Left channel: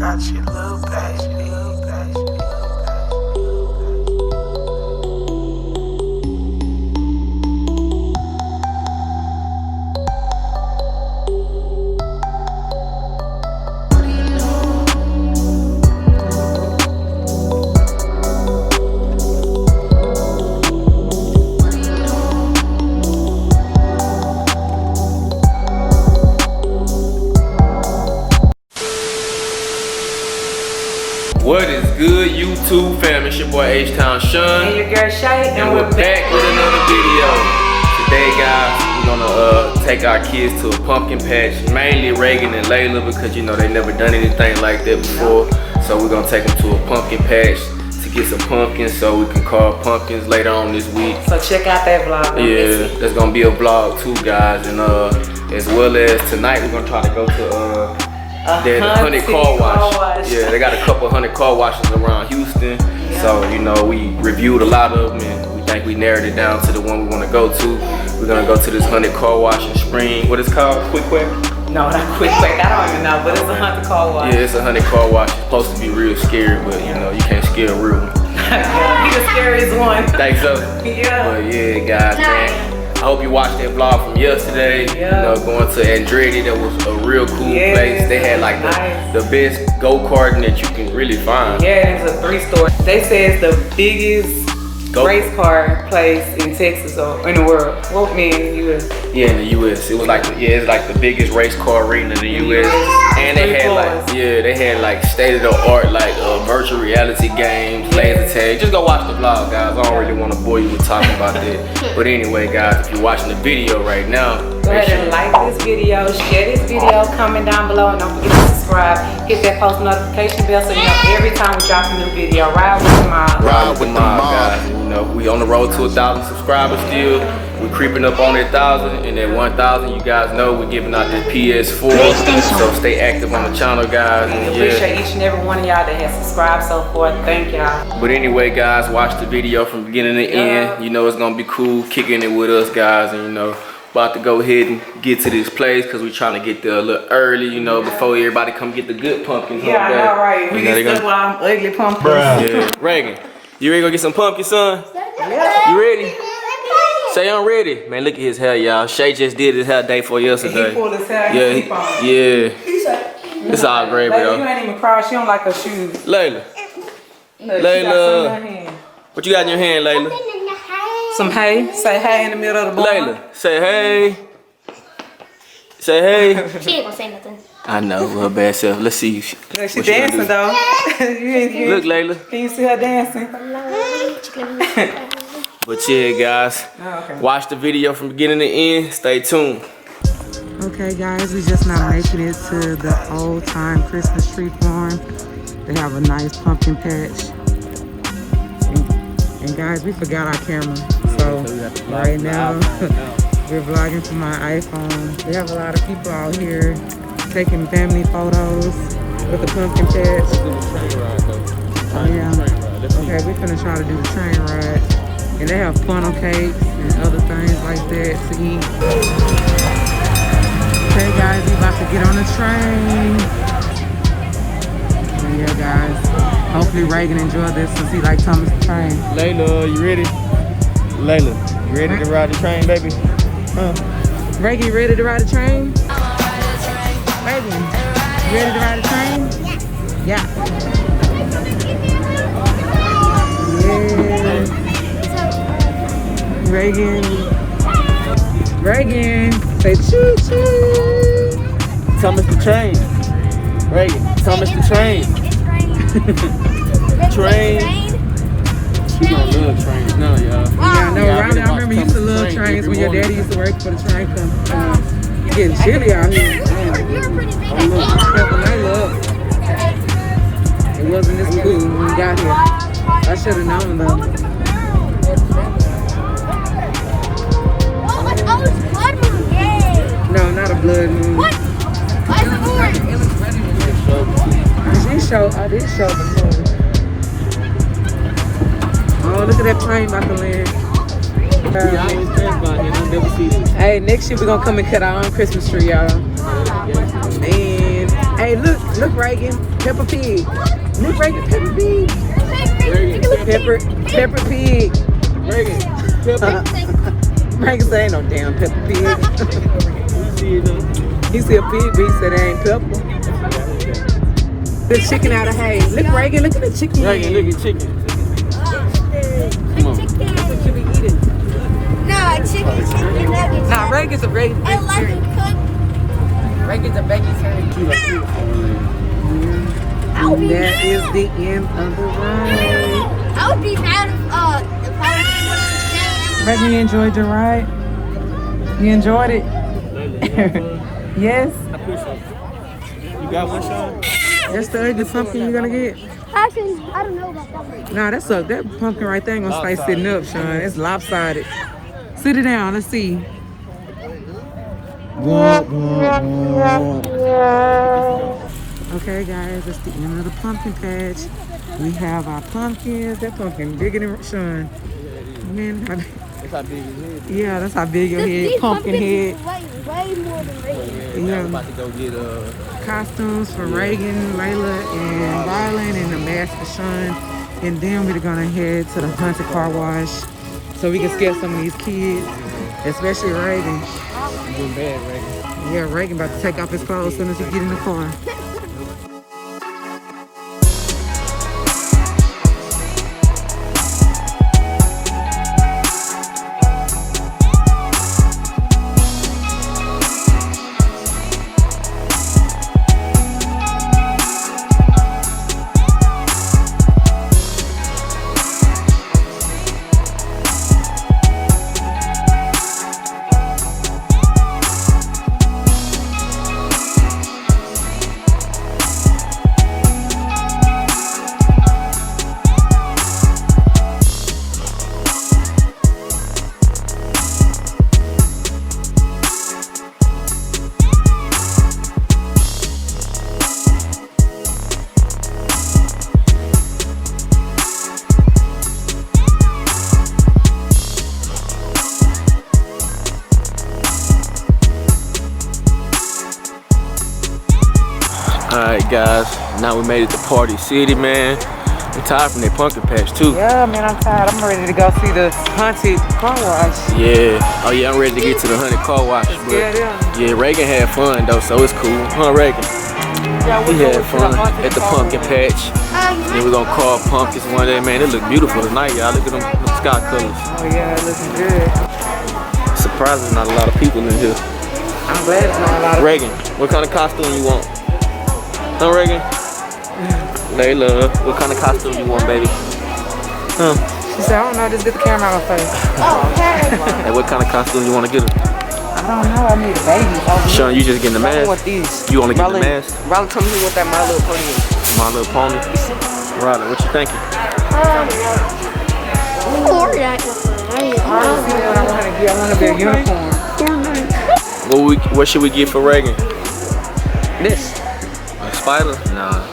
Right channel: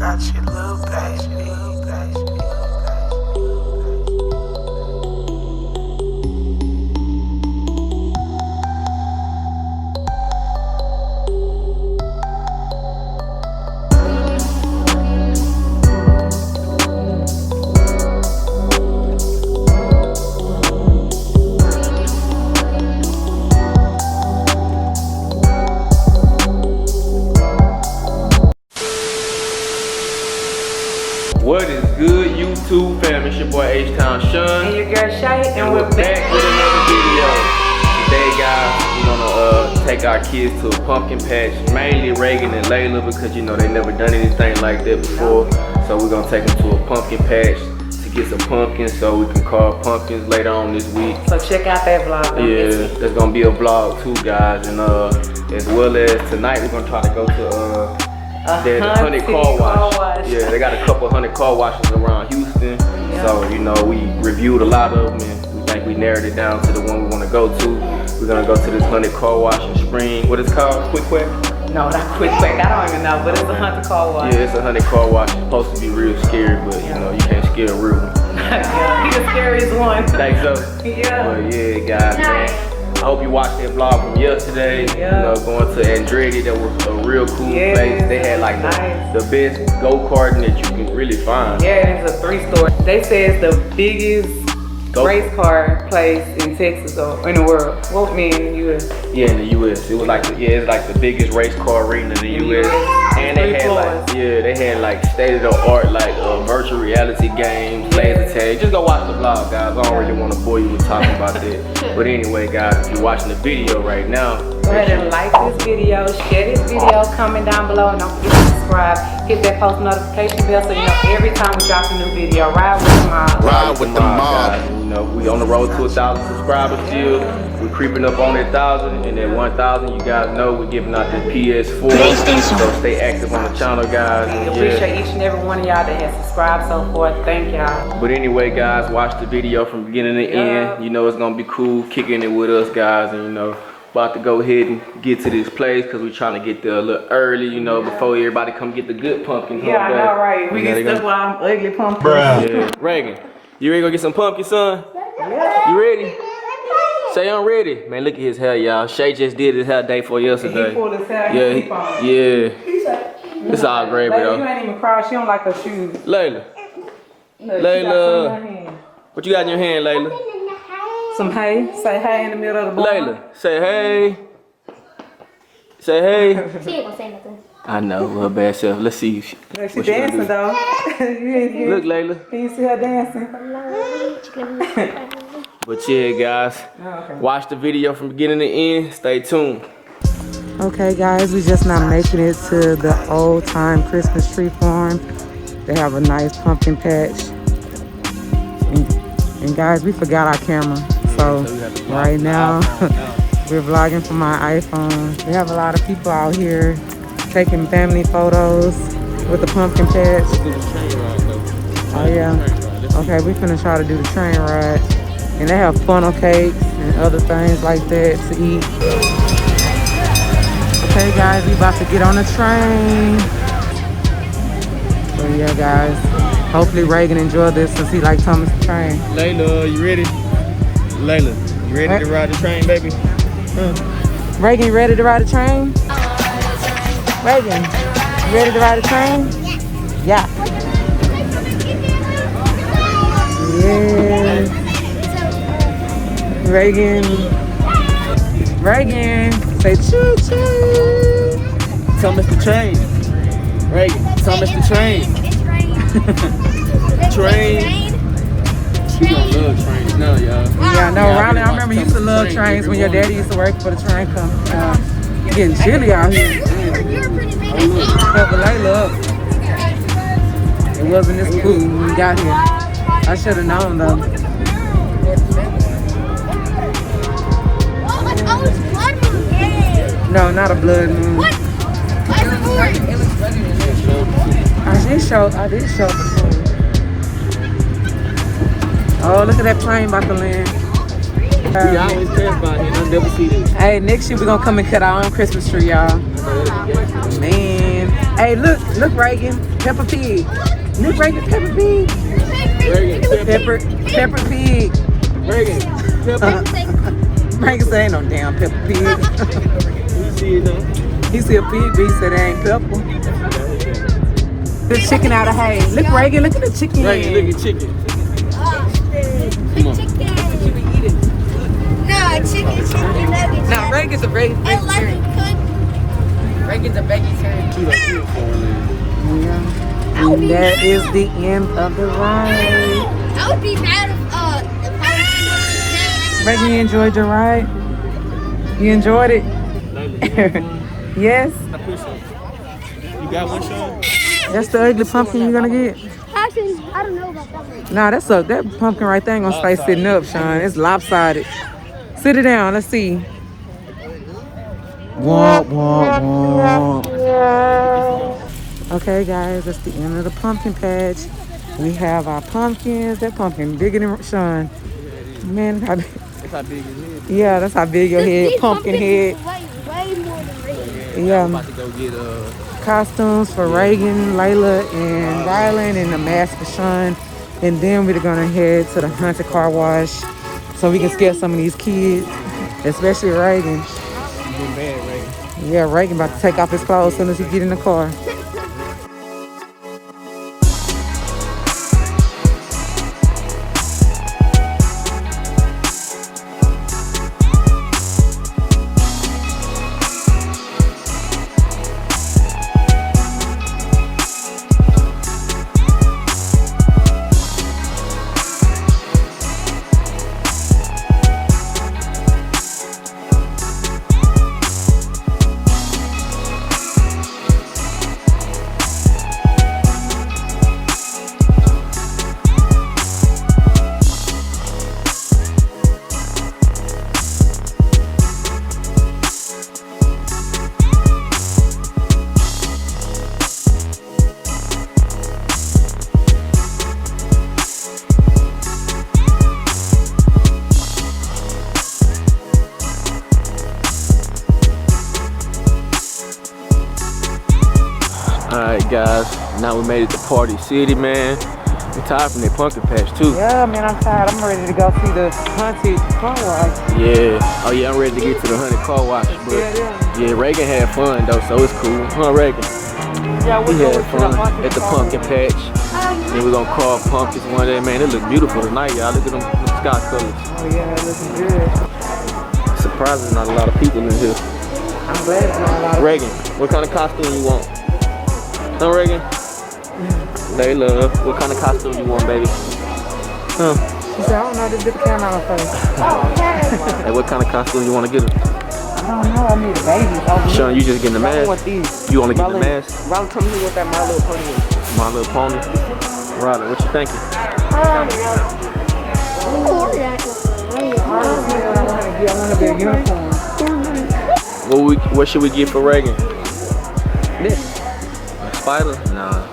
Such a little baby. What is good, YouTube fam? It's your boy H-Town Sean. And your girl Shay. And we're back with another video. Today, guys, we're gonna take our kids to a pumpkin patch. Mainly Reagan and Layla, because you know they never done anything like that before. So we're gonna take them to a pumpkin patch to get some pumpkins so we can carve pumpkins later on this week. So check out that vlog. Yeah, there's gonna be a vlog too, guys. And as well as tonight, we're gonna try to go to the 100 car wash. Yeah, they got a couple 100 car washes around Houston. Yeah. So, you know, we reviewed a lot of them and we think we narrowed it down to the one we want to go to. We're going to go to this 100 car wash in Spring. What is it called? Quick Quack? No, not Quick Quack. I don't even know, but it's a 100 car wash. Yeah, it's a 100 car wash. It's supposed to be real scary, but you know, you can't scare a real one. Yeah, he's the scariest one. Think so? Yeah. But yeah, guys, man. I hope you watched that vlog from yesterday. Yeah. You know, going to Andretti, that was a real cool place. They had like the best go-karting that you can really find. Yeah, it was a 3-store. They say it's the biggest race car place in Texas or in the world. Well, in the U.S. Yeah, in the U.S. It was like it's like the biggest race car arena in the U.S. And they had like state-of-the-art like virtual reality games, laser tag. Just go watch the vlog, guys. I don't really want to bore you with talking about that. But anyway, guys, if you're watching the video right now, go ahead and like this video, share this video, comment down below, and don't forget to subscribe. Hit that post notification bell so you know every time we drop a new video. Ride with the mob. Ride with the mob, guys. You know, we on the road to 1,000 subscribers still. We're creeping up on that 1,000, and at 1,000, you guys know we're giving out the PS4. So stay active on the channel, guys. And appreciate each and every one of y'all that has subscribed so far. Thank y'all. But anyway, guys, watch the video from beginning to end. You know it's gonna be cool kicking it with us, guys, and you know, about to go ahead and get to this place because we're trying to get there a little early, you know, before everybody come get the good pumpkins. Yeah, I know, right? We get stuck with all them ugly pumpkins. Yeah. Reagan, you ready to go get some pumpkins, son? Yeah. You ready? Say I'm ready. Man, look at his hair, y'all. Shay just did his hair day for yesterday. He pulled his hair. Yeah. It's all gravy though. You ain't even cry. She don't like her shoes. Layla. Look, Layla. What you got in your hand, Layla? Some hay. Say hey in the middle of the barn. Layla, say hey. Say hey. She ain't gonna say nothing. I know, her bad self. Let's see. She dancing though. Look, Layla. Can you see her dancing? But yeah, guys, watch the video from beginning to end. Stay tuned. Okay, guys, we just now making it to the old time Christmas tree farm. They have a nice pumpkin patch. And guys, we forgot our camera. So right now, we're vlogging from my iPhone. We have a lot of people out here taking family photos with the pumpkin patch. Oh yeah. Okay, we finna try to do the train ride. And they have funnel cakes and other things like that to eat. Okay guys, we about to get on the train. So yeah guys, hopefully Reagan enjoyed this since he likes Thomas the Train. Layla, you ready? Layla, you ready to ride the train, baby? Reagan, you ready to ride the train? Reagan, you ready to ride the train? Yeah. Yeah. Reagan, say choo choo. Thomas the Train. Reagan, Thomas the Train. Train. She gonna love trains now, y'all. Yeah, no, Riley, I remember you used to love trains when your daddy used to work for the train company. It's getting chilly out here. It wasn't this cool when we got here. I should have known though. No, not a blood moon. What? I did show. Oh, look at that plane about to land. We always pass by and I never see them. Hey, next year we're gonna come and cut our own Christmas tree, y'all. Man. Hey, look, Reagan, Peppa Pig. Look, Reagan, Peppa Pig. Reagan, Peppa Pig. Reagan, Peppa. Reagan say ain't no damn Peppa Pig. You see it though? He see a pig, but he said it ain't Peppa. The chicken out of hay. Look, Reagan, look at the chicken. Reagan, look at chicken. Come on. Nah, Reagan's a vegetarian. Reagan's a vegetarian. And that is the end of the ride. I would be mad if Reagan, you enjoyed your ride? You enjoyed it? Yes? I appreciate it. You got one, Sean? That's the ugly pumpkin you're gonna get? Actually, I don't know about that one. Nah, that pumpkin right there ain't gonna stay sitting up, Sean. It's lopsided. Sit it down, let's see. Womp, womp, womp. Okay, guys, that's the end of the pumpkin patch. We have our pumpkins. That pumpkin bigger than Sean. Man, how big? Yeah, that's how big your head, pumpkin head. Way more than Reagan. Yeah. Costumes for Reagan, Layla, and Rylan, and a mask for Sean. And then we're gonna head to the haunted car wash so we can scare some of these kids, especially Reagan. You been bad, Reagan. Yeah, Reagan about to take off his clothes as soon as he get in the car. Alright guys, now we made it to Party City, man. I'm tired from that pumpkin patch too. Yeah, man, I'm tired. I'm ready to go see the haunted car wash. Yeah. Oh yeah, I'm ready to get to the haunted car wash. But yeah, Reagan had fun though, so it's cool. Huh, Reagan? Yeah, He had fun at the pumpkin patch. Then we're gonna carve pumpkins one day, man. It look beautiful tonight, y'all. Look at them sky colors. Oh yeah, it looks good. Surprising, not a lot of people in here. I'm glad it's not a lot of Reagan, what kind of costume you want? Huh, Reagan? Layla, what kind of costume you want, baby? Huh? She said, I don't know, just get the camera out of her face. Hey, what kind of costume you want to get her? I don't know, I need a baby. Sean, you just getting the mask? I want these. You only getting the mask? Riley told me what that My Little Pony is. My Little Pony? Riley, what you thinking? I want to be a unicorn. What should we get for Reagan? This. A spider? Nah.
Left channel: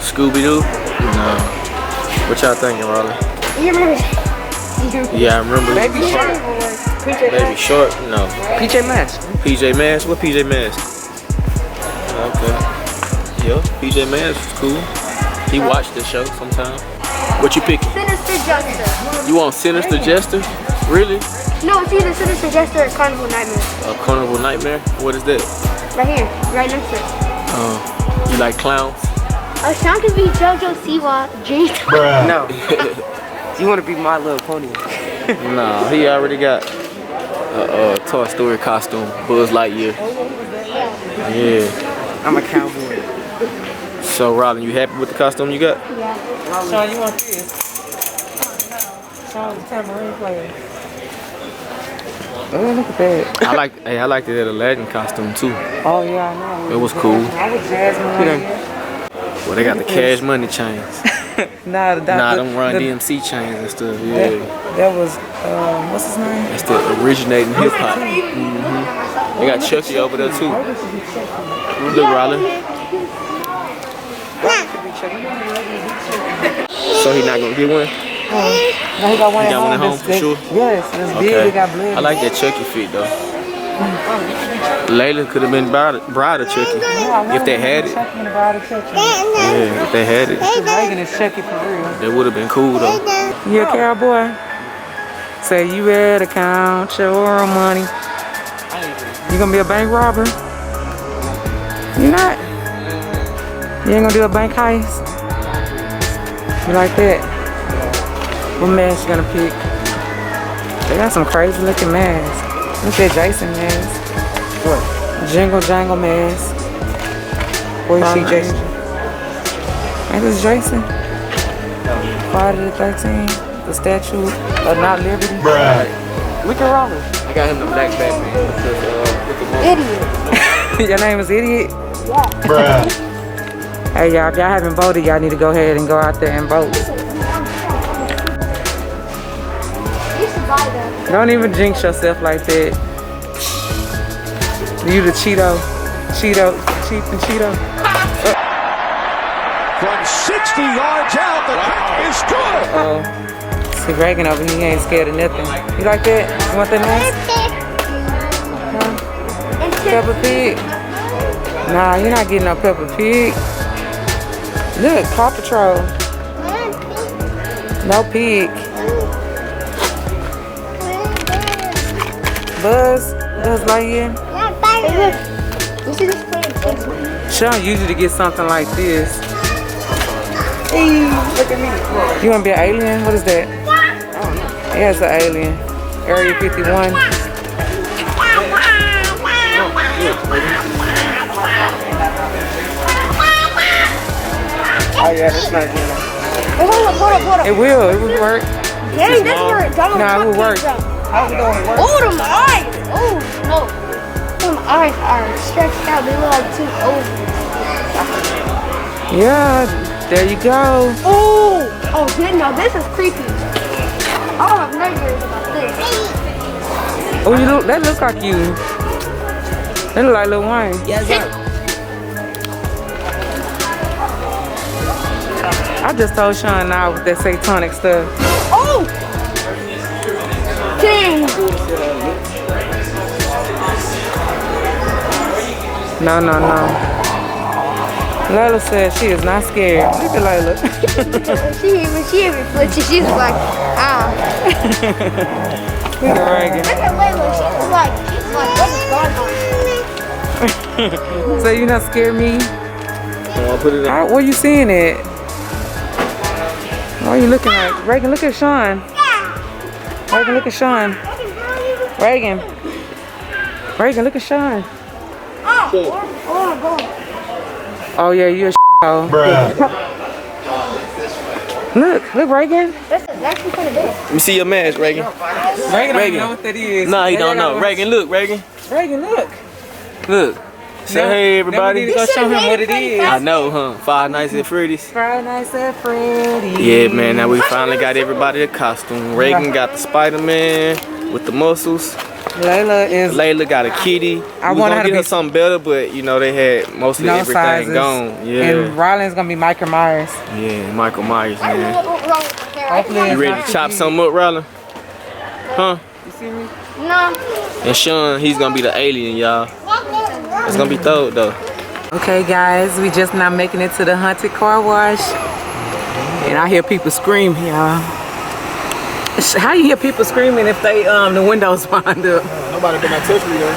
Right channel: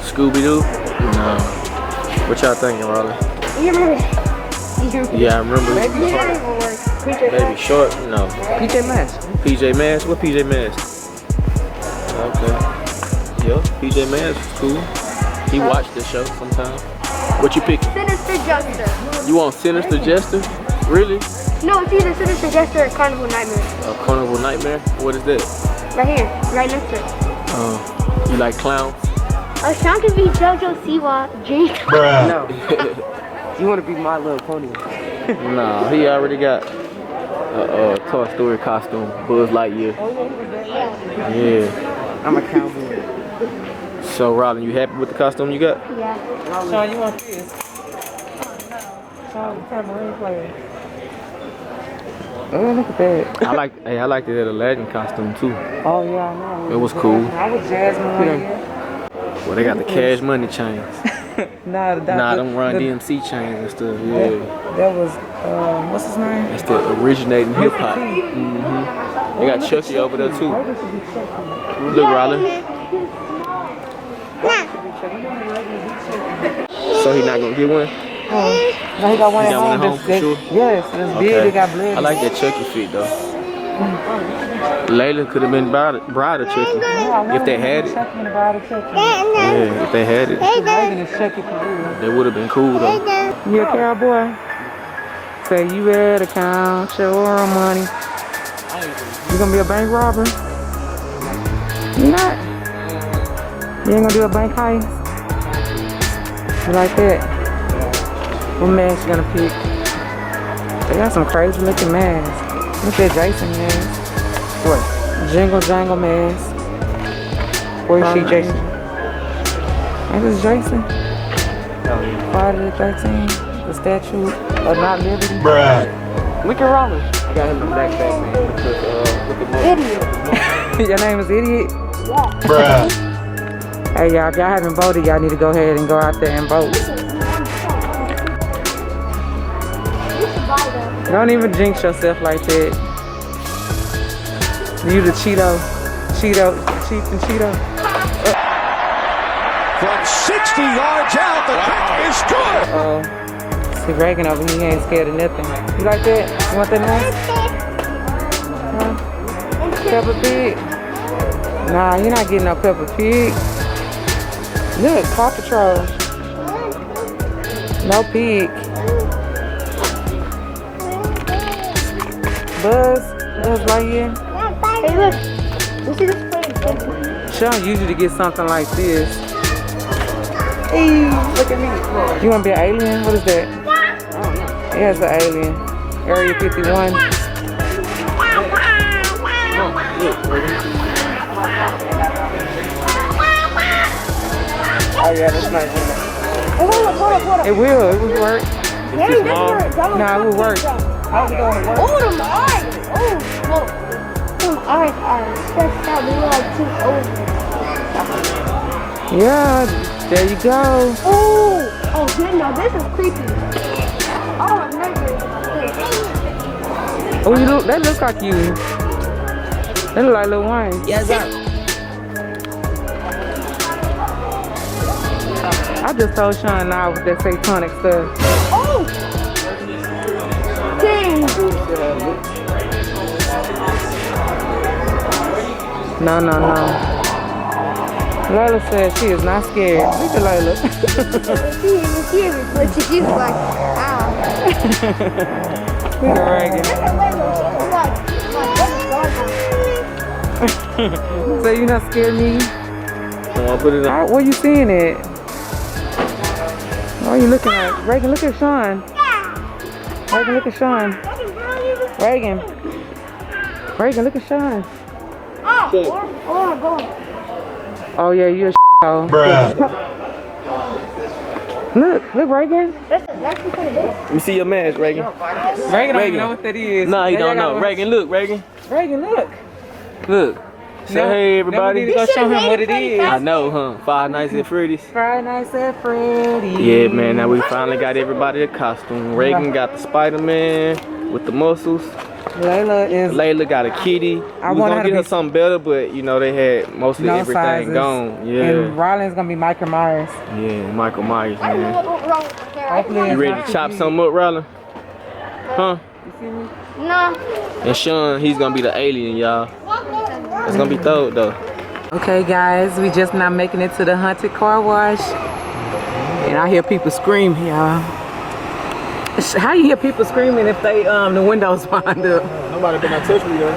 Scooby-Doo? No. What y'all thinking, Riley? You remember? Yeah, I remember. Baby Shark. Baby Shark? No. PJ Masks. PJ Masks? What PJ Masks? Okay. Yeah, PJ Masks was cool. He watched the show sometime. What you picking? Sinister Jester. You want Sinister Jester? Really? No, it's either Sinister Jester or Carnival Nightmare. A Carnival Nightmare? What is that? Right here, right next to it. You like clowns? Sean could be JoJo Siwa, Jake. No. You want to be My Little Pony. Nah, he already got a Toy Story costume, Buzz Lightyear. Yeah. I'm a cowboy. So, Robin, you happy with the costume you got? Yeah. Sean, you want this? Sean's a tambourine player. Oh, look at that. I liked it at Aladdin costume too. Oh, yeah, I know. It was cool. I was Jasmine. Well, they got the Cash Money chains. Nah, them Run DMC chains and stuff. Yeah. That was, what's his name? That's the originating hip hop. Mm-hmm. They got Chucky over there too. Look, Riley. So he not gonna get one? No, he got one He at got one at home for sure? Yes, it's big. He got blood. I like that Chucky feet though. Layla could have been bride of Chucky if they had it. Yeah, if they had it. Reagan is Chucky for real. That would have been cool though. You a cowboy? Say you better count your money. You gonna be a bank robber? You not? You ain't gonna do a bank heist? You like that? What mask you gonna pick? They got some crazy looking masks. Look at Jason mask. What? Jingle Jangle mask. Where you see Jason? Ain't this Jason? Friday the 13th. The statue of not liberty. Bruh. Look at Raleigh. I got him the black Batman because Idiot. Your name is Idiot? Yeah. Bruh. Hey y'all, if y'all haven't voted, y'all need to go ahead and go out there and vote. You should buy them. Don't even jinx yourself like that. You the Cheeto and Cheeto. From 60 yards out, the kick is good. See Reagan over here, he ain't scared of nothing. You like that? You want that mask? Huh? Peppa Pig? Nah, you're not getting no Peppa Pig. Look, Paw Patrol. No pig. Buzz Lightyear. Hey, look. You see this thing? Sean usually get something like this. Hey, look at me. You want to be an alien? What is that? Yeah, it's an alien. Area 51. Oh yeah, that's not good. Hold up. It will work. Dang, that's where Donald Nah, it will work. How's it going to work? Oh, them eyes. Oh, no. Them eyes are stretched out. They look like two ovals. Yeah, there you go. Oh, no, this is creepy. I don't have nightmares about this. Oh, you look. That looks like you. That look like Lil Wayne. Yes, sir. I just told Sean now with that satanic stuff. Oh! Dang. No. Layla said she is not scared. Look at Layla. She even flinches. She's like, ah. Look at Reagan. Look at Layla. She's like, So you not scared me? I'll put it in. Where you seeing it? What are you looking at? Reagan, look at Sean. Reagan, look at Sean. Reagan, look at Sean. Oh yeah, you a s***hole. Bruh. Look, Reagan. That's exactly what it is. Let me see your mask, Reagan. Reagan don't know what that is. Nah, he don't know. Reagan, look, Reagan. Reagan, look. Look. Say hey, everybody. Then we need to go show him what it is. I know, huh? Five Nights at Freddy's. Friday Nights at Freddy's. Yeah, man. Now we finally got everybody a costume. Reagan got the Spider-Man with the muscles. Layla got a kitty. I we want gonna her to get her be something better, but you know they had mostly no everything sizes. gone. Yeah. And Ryland's gonna be Michael Myers. Yeah, Michael Myers, I don't know man. what went wrong with there. Hopefully You ready to chop something up, Ryland? Huh? You see me? No. And Sean, he's gonna be the alien, y'all. It's gonna be thawed though. Okay, guys, we just now making it to the haunted car wash, and I hear people scream, y'all. How you hear people screaming if they the windows wind up? Nobody been touch me though.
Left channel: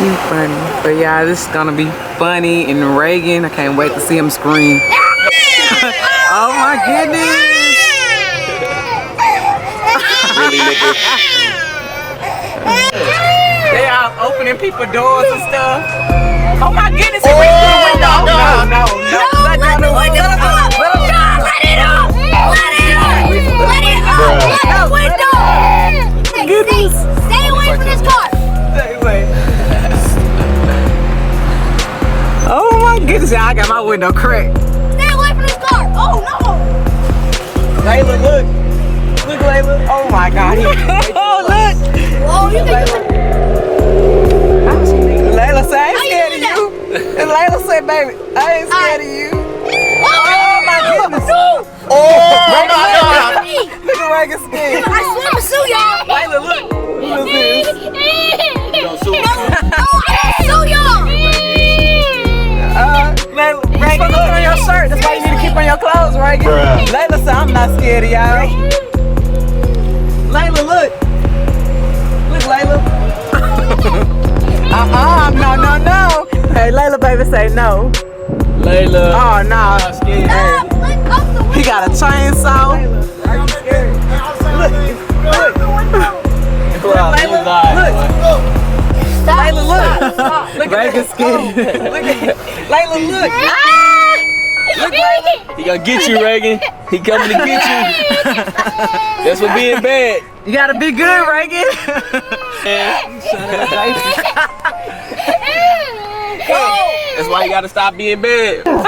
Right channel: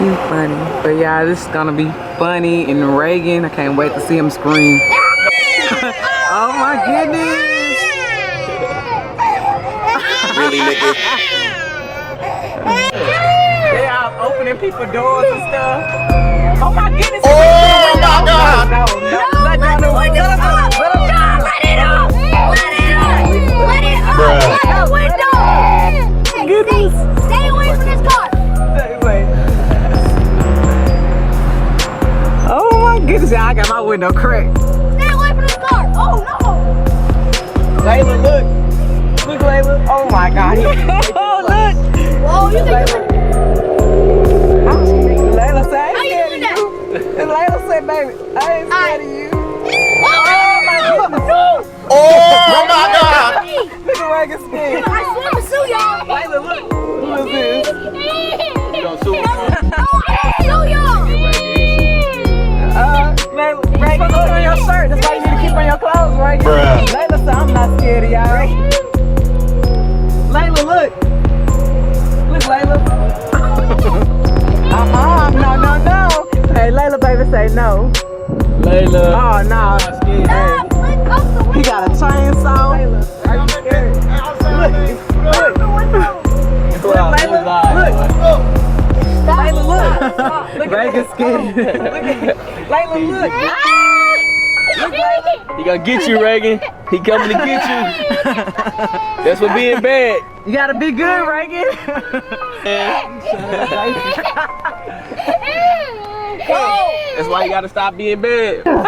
You funny, but yeah, this is gonna be funny. And Reagan, I can't wait to see him scream. Oh my goodness! Really, nigga? They are opening people doors and stuff. Oh my goodness! Oh my God! No, let the window up! Let it up! Let it up! The window! Stay away from this car! Stay away. Oh my goodness, I got my window cracked. Stay away from this car! Oh no! Layla, look. Look, Layla. Oh my God. Oh, look. Whoa, you think you're Layla said, I ain't scared of you. And Layla said, baby, I ain't scared of you. Oh my goodness. Oh my God! Look at at Reagan skin. I swear to sue y'all. Layla, look. Who is this? You don't sue me. No, I sue y'all. Layla, Reagan, look on your shirt. That's why you need to keep on your clothes, Reagan. Layla said, I'm not scared of y'all. Layla, look. Look, Layla. No. Hey, Layla, baby, say no. Layla. Oh, no. Hey. He got a chainsaw. Layla, look. Look at Reagan's skin. Layla, look. Look, Layla. He gonna get you, Reagan. He coming to get you. That's what being bad. You gotta be good, Reagan. That's why you gotta stop being bad. Look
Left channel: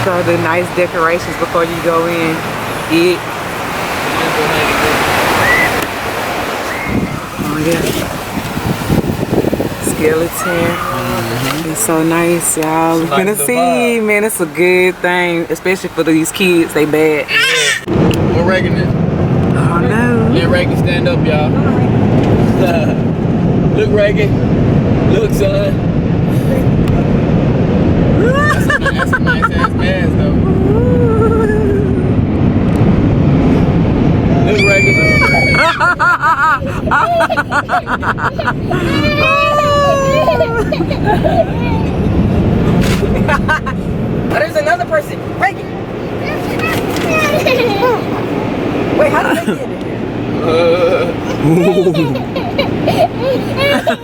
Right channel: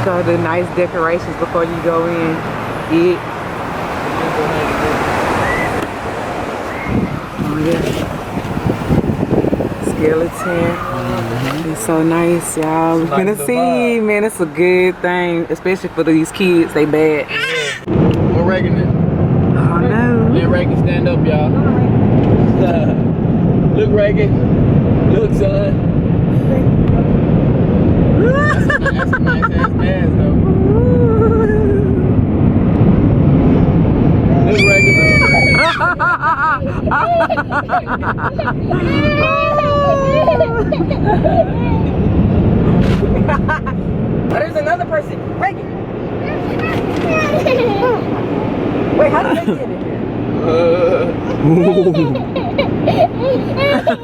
at all the nice decorations before you go in. Eat. Oh yeah. Skeleton. It's so nice, y'all. We're gonna see, man. It's a good thing, especially for these kids. They bad. Where Reagan is? Oh no. Let Reagan stand up, y'all. Look, Reagan. Look, son. That's a nice ass mask, though. Look, Reagan. Oh, there's another person. Reagan. Wait, how did they get in here?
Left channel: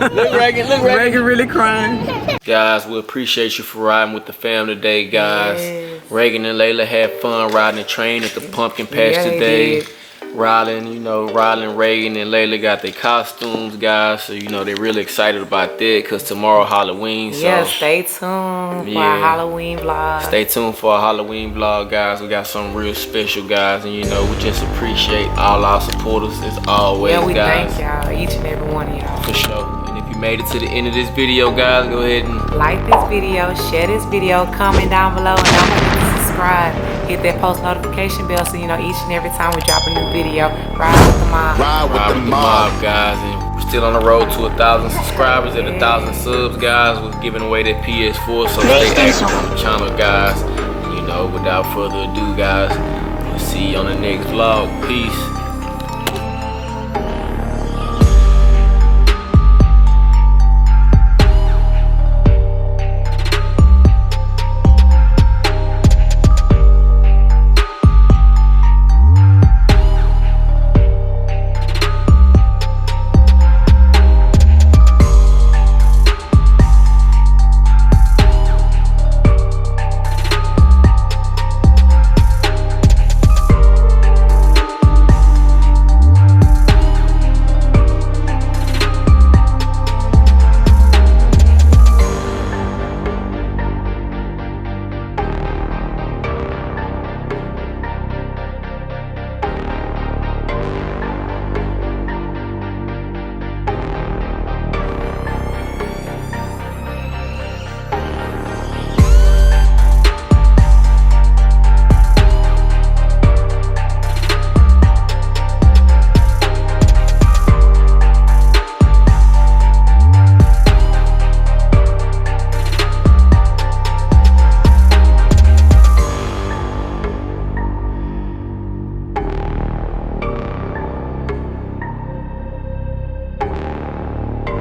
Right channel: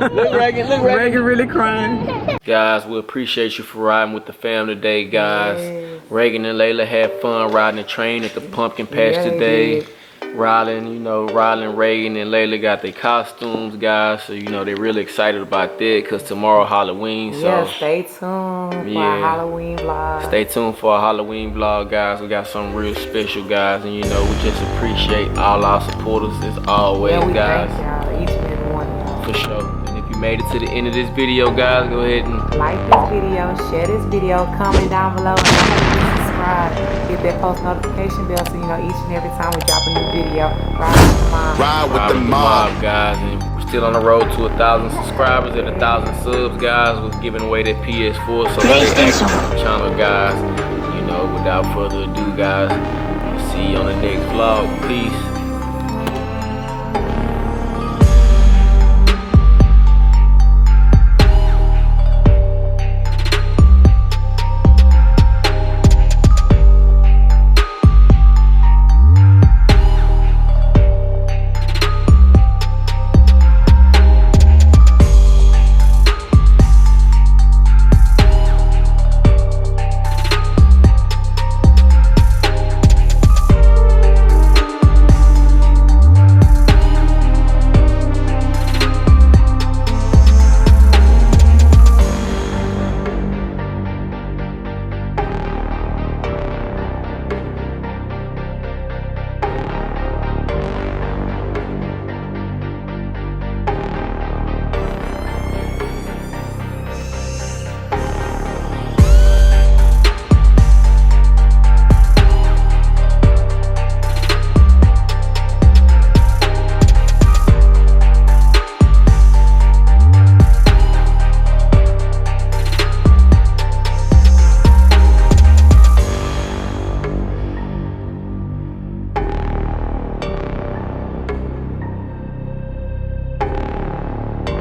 Look, Reagan. Look, Reagan. Reagan really crying. Guys, we appreciate you for riding with the fam today, guys. Yes. Reagan and Layla had fun riding the train at the pumpkin patch Yeah, they today. did. Rylan, Reagan, and Layla got their costumes, guys. So, they're really excited about that because tomorrow Halloween. So Yeah, stay tuned for our Halloween vlog. Stay tuned for our Halloween vlog, guys. We got something real special, guys. And, we just appreciate all our supporters as always, Yeah, we guys. thank y'all, each and every one of y'all. For sure. And if you made it to the end of this video, guys, go ahead and Like this video, share this video, comment down below, and don't forget to subscribe. Hit that post notification bell so you know each and every time we drop a new video. Ride with the mob. Ride with the mob. guys. And we're still on the road to 1,000 subscribers and 1,000 subs, guys. We're giving away that PS4. So stay active on the channel, guys. Without further ado, guys, we'll see you on the next vlog. Peace.